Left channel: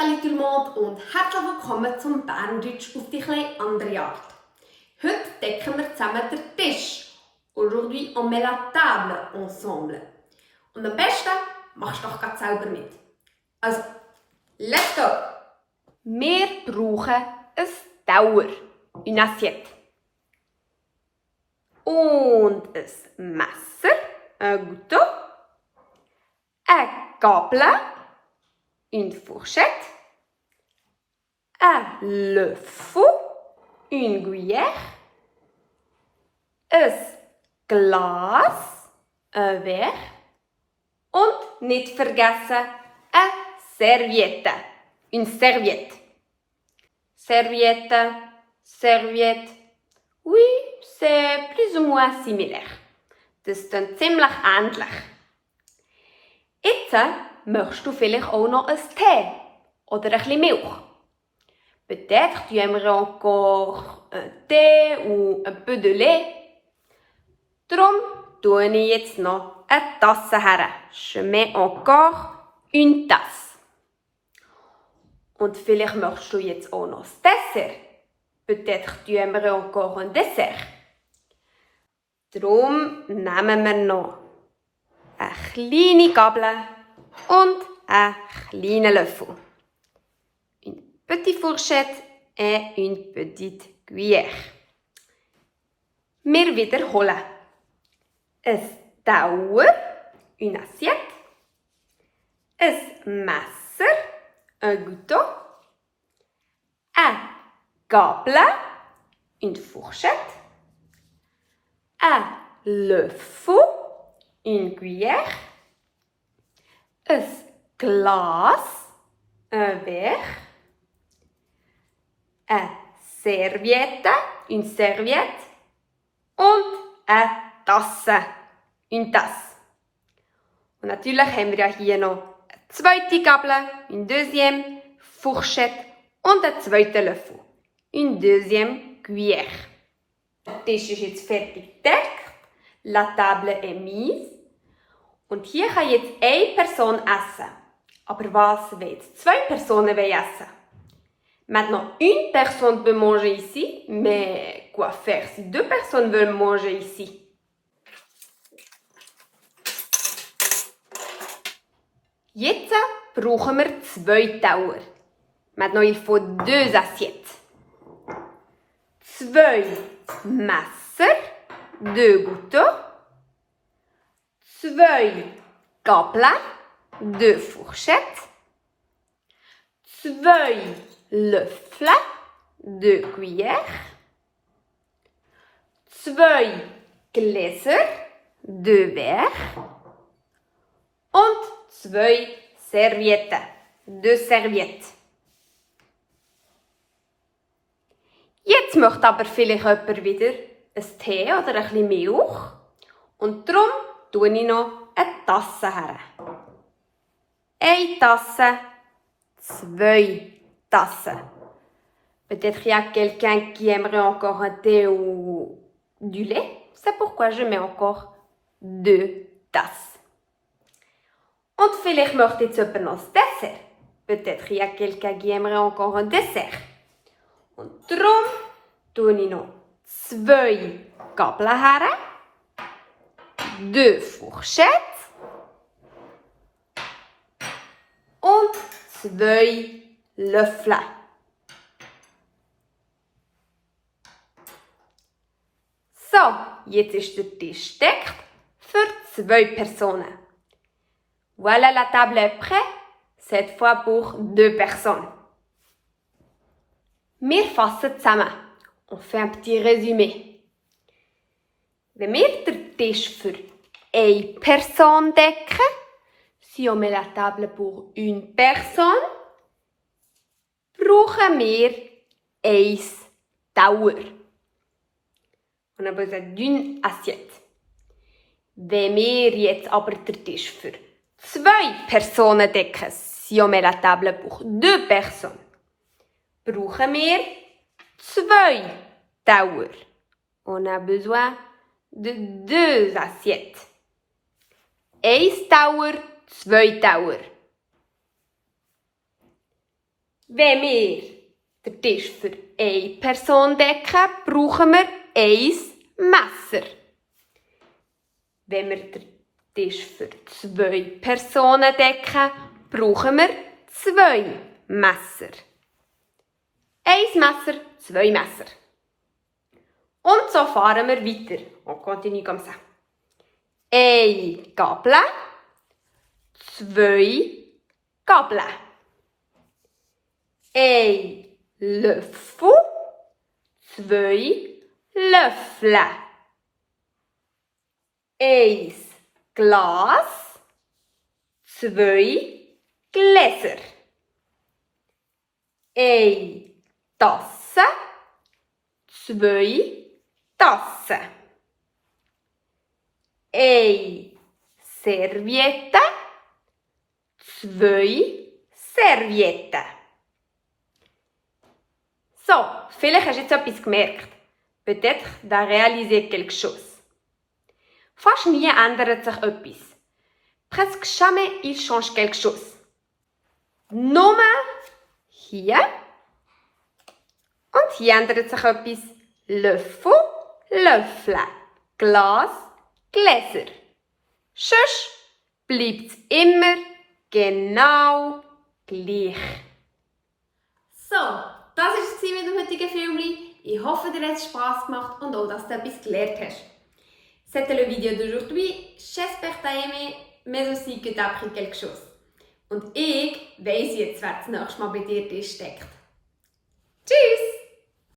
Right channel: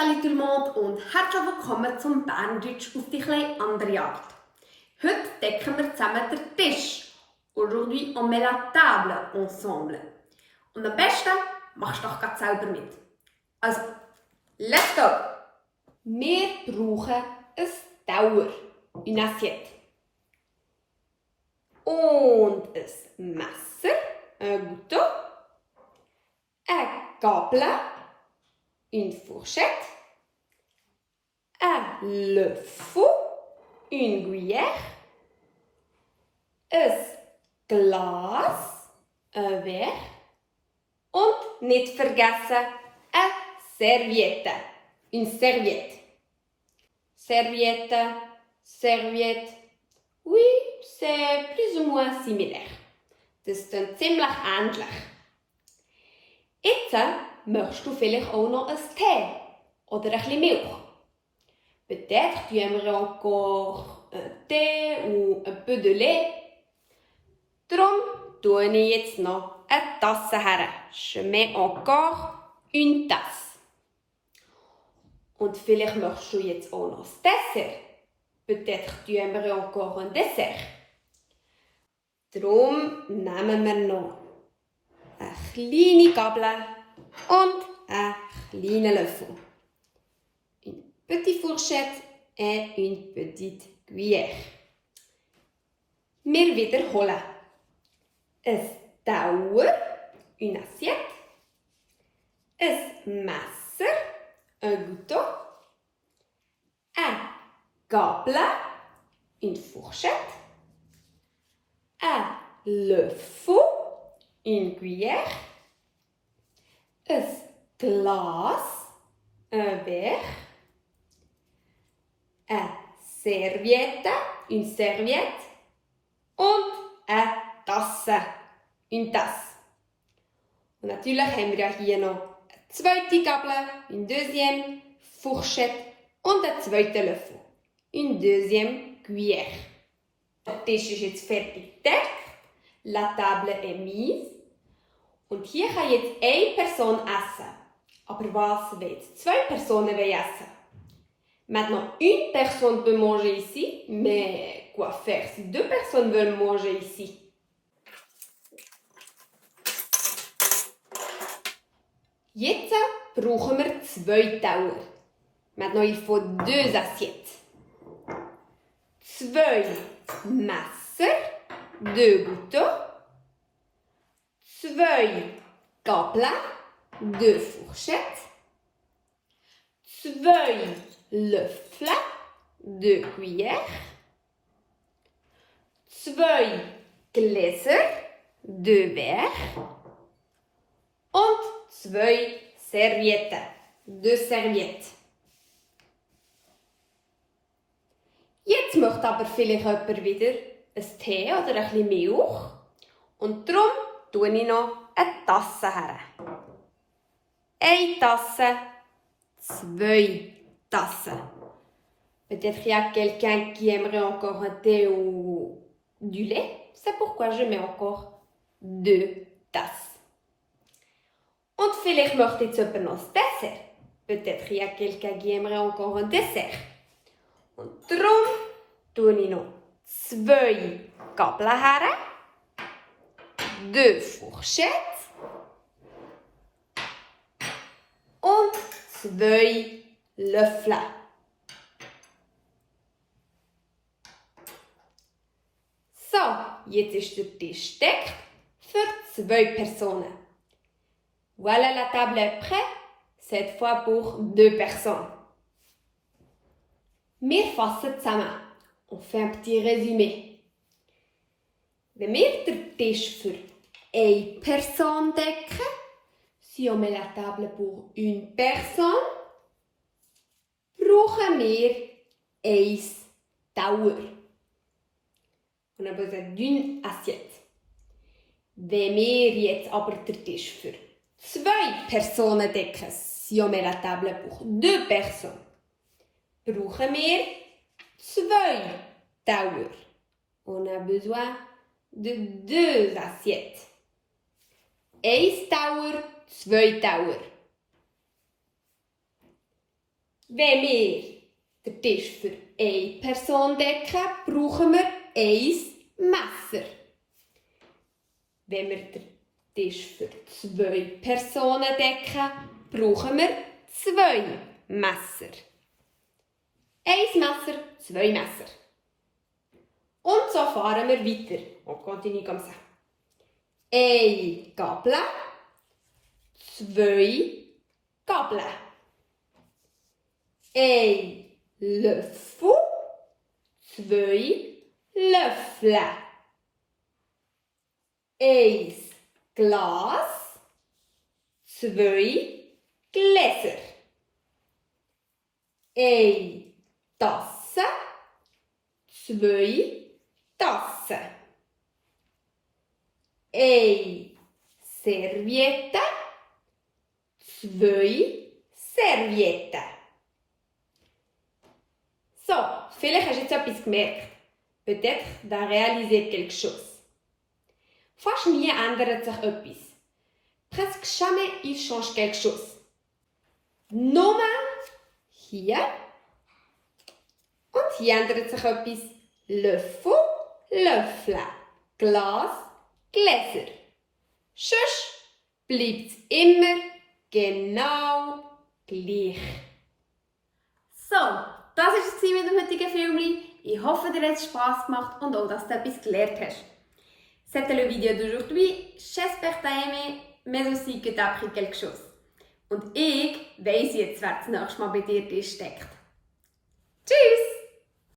Salut tout le monde und herzlich willkommen zum Berndeutsch auf die etwas andere Art. Heute decken wir zusammen den Tisch. Aujourd'hui on met la table ensemble. Und am besten machst du doch gerade selber mit. Also, let's go! Wir brauchen ein Tauer, une assiette. Und ein Messer, un couteau, eine Gabel, une fourchette, un löffel, une cuillère, ein Glas, ein Verre und nicht vergessen eine Serviette, une serviette. Serviette, serviette, oui, c'est plus ou moins similaire. Das ist dann ziemlich ähnlich. Jetzt möchtest du vielleicht auch noch ein Tee oder ein bisschen Milch. Peut-être tu aimerais encore un thé ou un peu de lait. Darum tue ich jetzt noch eine Tasse her. Je mets encore une tasse. Und vielleicht möchtest du jetzt auch noch das Dessert. Peut-être tu aimerais encore un dessert. Darum nehmen wir noch eine kleine Gabel und einen kleinen Löffel. Une petite fourchette et une petite cuillère. Wir wiederholen. Ein Tauer, une assiette. Ein Messer, un couteau. Eine Gabel, une fourchette. Un Löffel, une cuillère. Un Glas, un verre. Eine Serviette, une serviette. Und eine Tasse, une tasse. Und natürlich haben wir ja hier noch eine zweite Gabel, une deuxième, fourchette und einen zweiten Löffel, une deuxième cuillère. Der Tisch ist jetzt fertig gedeckt, la table est mise. Und hier kann jetzt eine Person essen. Aber was wollen jetzt zwei Personen essen? Maintenant, une personne peut manger ici, mais quoi faire si deux personnes veulent manger ici? Jetzt brauchen wir zwei Tauer. Maintenant, il faut deux assiettes. Zwei Messer, deux couteaux. Zwei Gabeln, deux fourchettes. Zwei Löffel, deux cuillères. Zwei Gläser, deux verres. Und zwei Servietten, deux serviettes. Jetzt möchte aber vielleicht jemand wieder ein Tee oder ein bisschen Milch. Und darum tue ich noch eine Tasse her. Eine Tasse, zwei Tassen. Peut-être qu'il y a quelqu'un qui aimerait encore un thé ou du lait. C'est pourquoi je mets encore deux tasses. Und vielleicht möchte jetzt jemand noch das Dessert. Peut-être qu'il y a quelqu'un qui aimerait encore un dessert. Und darum tue ich noch zwei Gabeln her, deux fourchettes und zwei Löffel. So, jetzt ist der Tisch gedeckt für zwei Personen. Voilà, la table est prête, cette fois pour deux personnes. Wir fassen zusammen. On fait un petit résumé. Wenn wir den Tisch für eine Person decken, si on met la table pour une personne, brauchen wir ein Tauer. On a besoin d'une assiette. Wenn wir jetzt aber den Tisch für zwei Personen decken, si on met la table pour deux personnes, brauchen wir zwei Tauer. On a besoin de deux assiettes. Ein Tauer, zwei Tauer. Wenn wir den Tisch für eine Person decken, brauchen wir ein Messer. Wenn wir den Tisch für 2 Personen decken, brauchen wir 2 Messer. 1 Messer, 2 Messer. Und so fahren wir weiter. On continue comme ça. 1 Gabel, 2 Gabeln. 1 Löffel, 2 Löffel. 1 Glas, 2 Gläser. 1 Tasse, 2 Tassen. 1 Serviette, 2 Servietten. So, vielleicht hast du jetzt etwas gemerkt. Peut-être d'as réalisé quelque chose. Fast nie ändert sich etwas. Presque jamais il change quelque chose. Nur hier und hier ändert sich etwas. Löffel, Löffel, Glas, Gläser. Sonst bleibt es immer genau gleich. So, das war es mit dem heutigen Film. Ich hoffe, dir hat es Spass gemacht und auch, dass du etwas gelernt hast. C'était le vidéo d'aujourd'hui. J'espère que tu as aimé, mais aussi que tu as appris quelque chose. Und ich weiss jetzt, wer das nächste Mal bei dir steckt. Tschüss!